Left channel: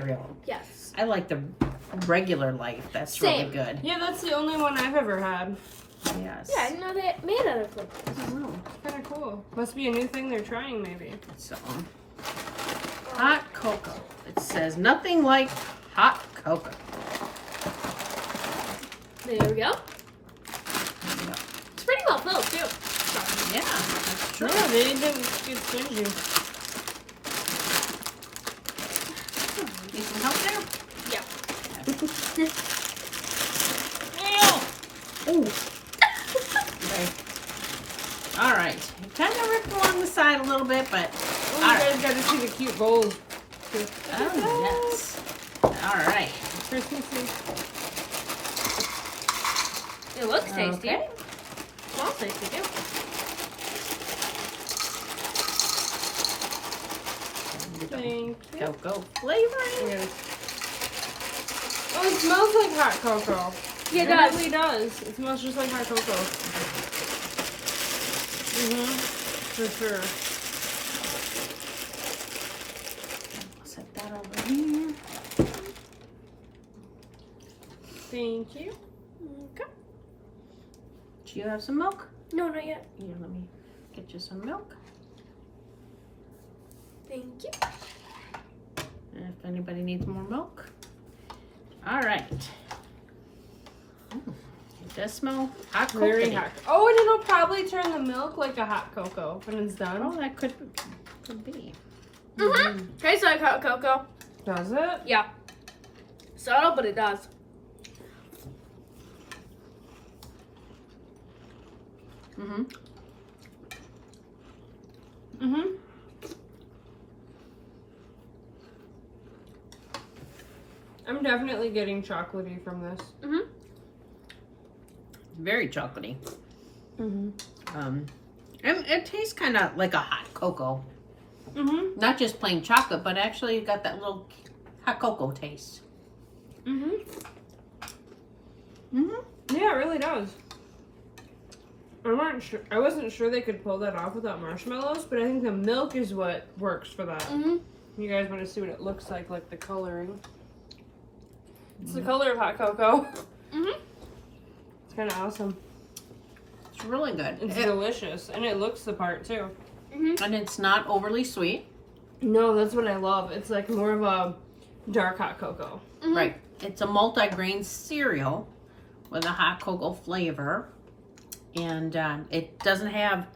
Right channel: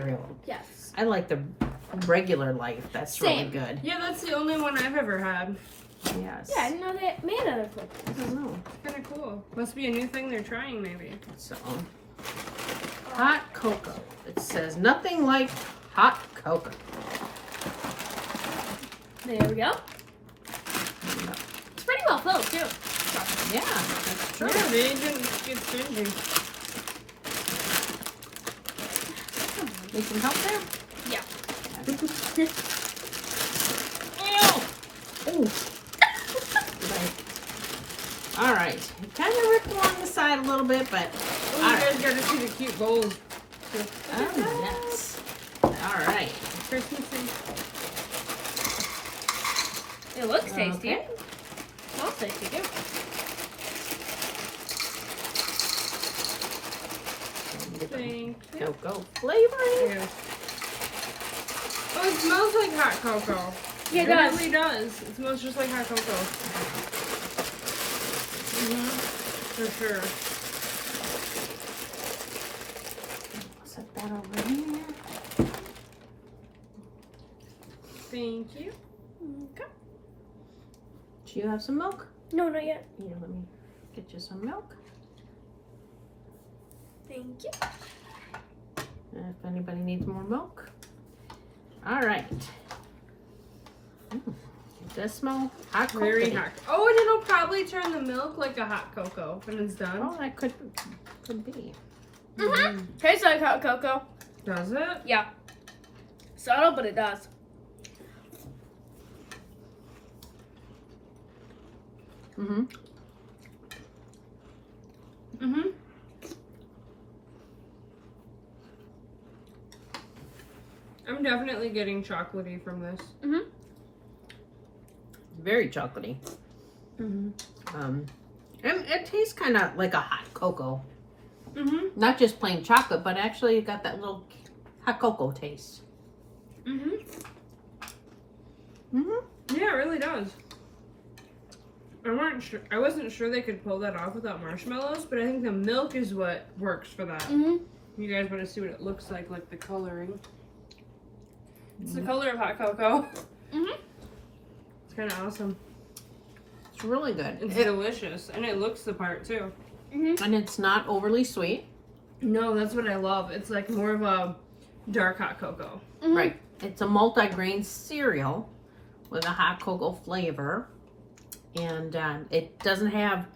cereal. Yes. I like the regular Life. That's really good. Yeah, that's the only one I've ever had. Yes. Yeah, I didn't know they made other flavors. I don't know. It's kind of cool. Must be a new thing they're trying, maybe. So, hot cocoa. It says nothing like hot cocoa. There we go. It's pretty well filled too. Yeah, that's true. Yeah, they didn't get stingy. Need some help there? Yeah. Oh. All right. It kind of ripped along the side a little bit, but Oh, you guys got to see the cute bowls. oh, yes. All right. Christmas tree. It looks tasty. Okay. Smells tasty too. Thank you. Cocoa flavoring. Oh, it smells like hot cocoa. Yeah, it does. really does. It smells just like hot cocoa. For sure. Set that over here. Thank you. Okay. Do you have some milk? No, not yet. Here, let me get you some milk. Thank you. And if anybody needs more milk. All right. It does smell hot cocoa. Very hot. Oh, and it'll probably turn the milk like a hot cocoa when it's done. Oh, that could be. Tastes like hot cocoa. Does it? Yeah. Subtle, but it does. Mm-hmm. Mm-hmm. I'm definitely getting chocolatey from this. Mhm. Very chocolatey. Mm-hmm. And it tastes kind of like a hot cocoa. Mm-hmm. Not just plain chocolate, but actually you got that little hot cocoa taste. Mm-hmm. Mm-hmm. Yeah, it really does. I wasn't sure they could pull that off without marshmallows, but I think the milk is what works for that. Mm-hmm. You guys want to see what it looks like the coloring. It's the color of hot cocoa. Mm-hmm. It's kind of awesome. It's really good. It's delicious, and it looks the part too. Mm-hmm. And it's not overly sweet. No, that's what I love. It's like more of a dark hot cocoa. Mm-hmm. Right. It's a multi-grain cereal with a hot cocoa flavor. And it doesn't have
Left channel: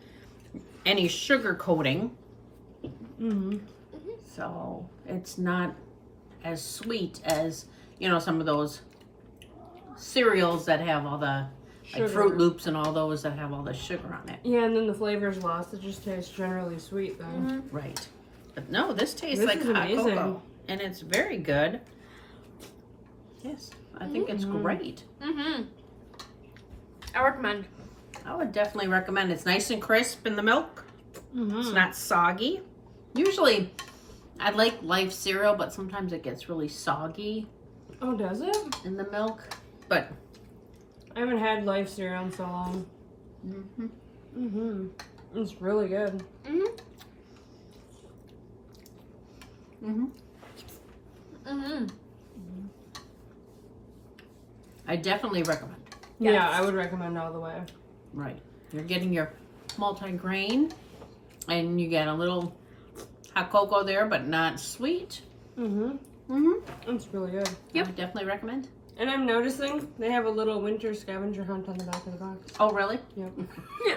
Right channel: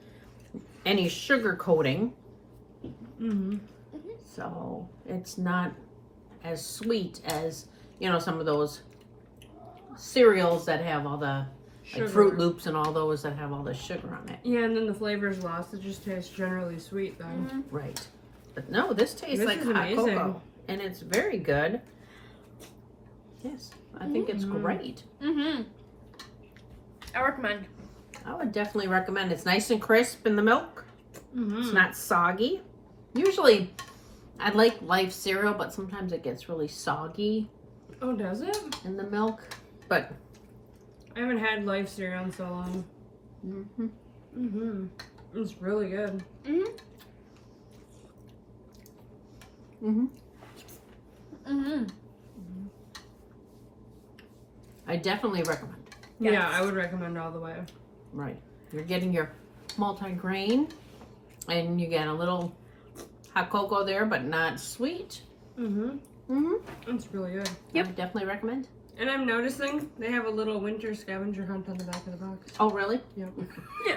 any sugar coating. Mm-hmm. So it's not as sweet as, you know, some of those cereals that have all the like Fruit Loops and all those that have all the sugar on it. Yeah, and then the flavor's lost. It just tastes generally sweet then. Mm-hmm. Right. But no, this tastes This like is hot amazing. cocoa. And it's very good. Yes, I think it's great. Mm-hmm. I recommend. I would definitely recommend. It's nice and crisp in the milk. Mm-hmm. It's not soggy. Usually, I like Life cereal, but sometimes it gets really soggy Oh, does it? in the milk. But I haven't had Life cereal in so long. mm-hmm. Mm-hmm. It's really good. Mm-hmm. Mm-hmm. Mm-hmm. I definitely recommend. Yes. Yeah, I would recommend all the way. Right. You're getting your multi-grain, and you get a little hot cocoa there, but not sweet. Mm-hmm. Mm-hmm. It's really good. I would definitely recommend. And I'm noticing they have a little winter scavenger hunt on the back of the box. Oh, really? Yep. Yeah.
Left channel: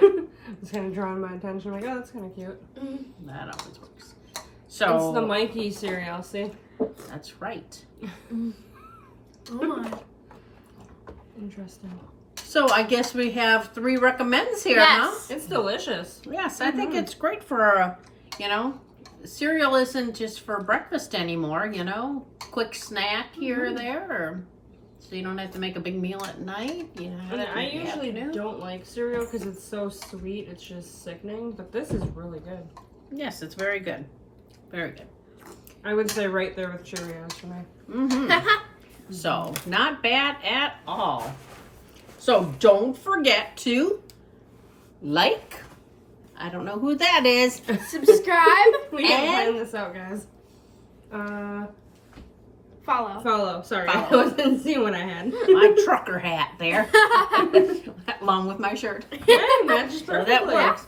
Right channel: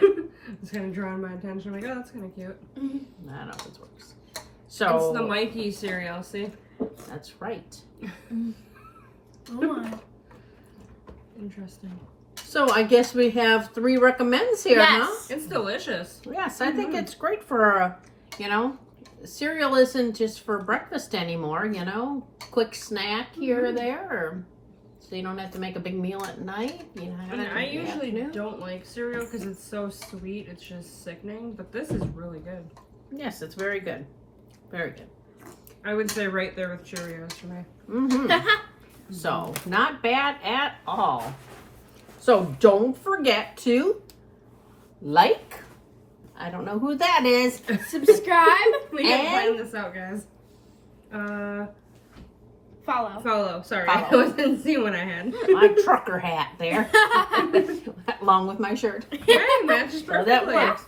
It's kind of drawing my attention. I'm like, oh, that's kind of cute. Mm-hmm. That always works. So It's the Mikey cereal, see? that's right. Oh my. Interesting. So I guess we have 3 recommends here, huh? Yes. It's delicious. Yes, I think it's great for, you know, cereal isn't just for breakfast anymore, you know, quick snack here or there, or so you don't have to make a big meal at night. You know, And I in the usually afternoon. don't like cereal because it's so sweet. It's just sickening. But this is really good. Yes, it's very good. Very good. I would say right there with Cheerios for me. Mm-hmm. So, not bad at all. So, don't forget to like. I don't know who that is. Subscribe. We gotta And- find this out, guys. Follow. Follow. Sorry, Follow. I wasn't seeing what I had. My trucker hat there, along with my shirt. Yeah, matches So that perfectly. works.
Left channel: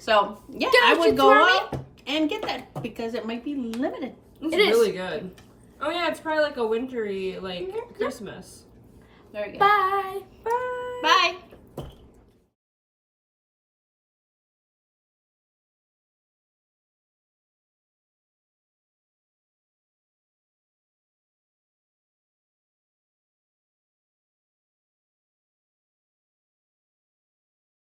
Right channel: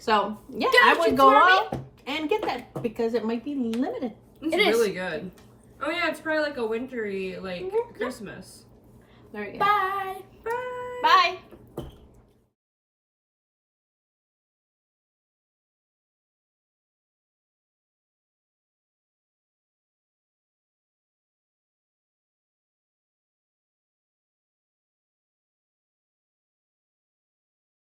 So yeah, Don't I you would go throw me? out and get that because it might be limited. It's It is. really good. Oh yeah, it's probably like a wintry like Mhm. Christmas. There you go. Bye.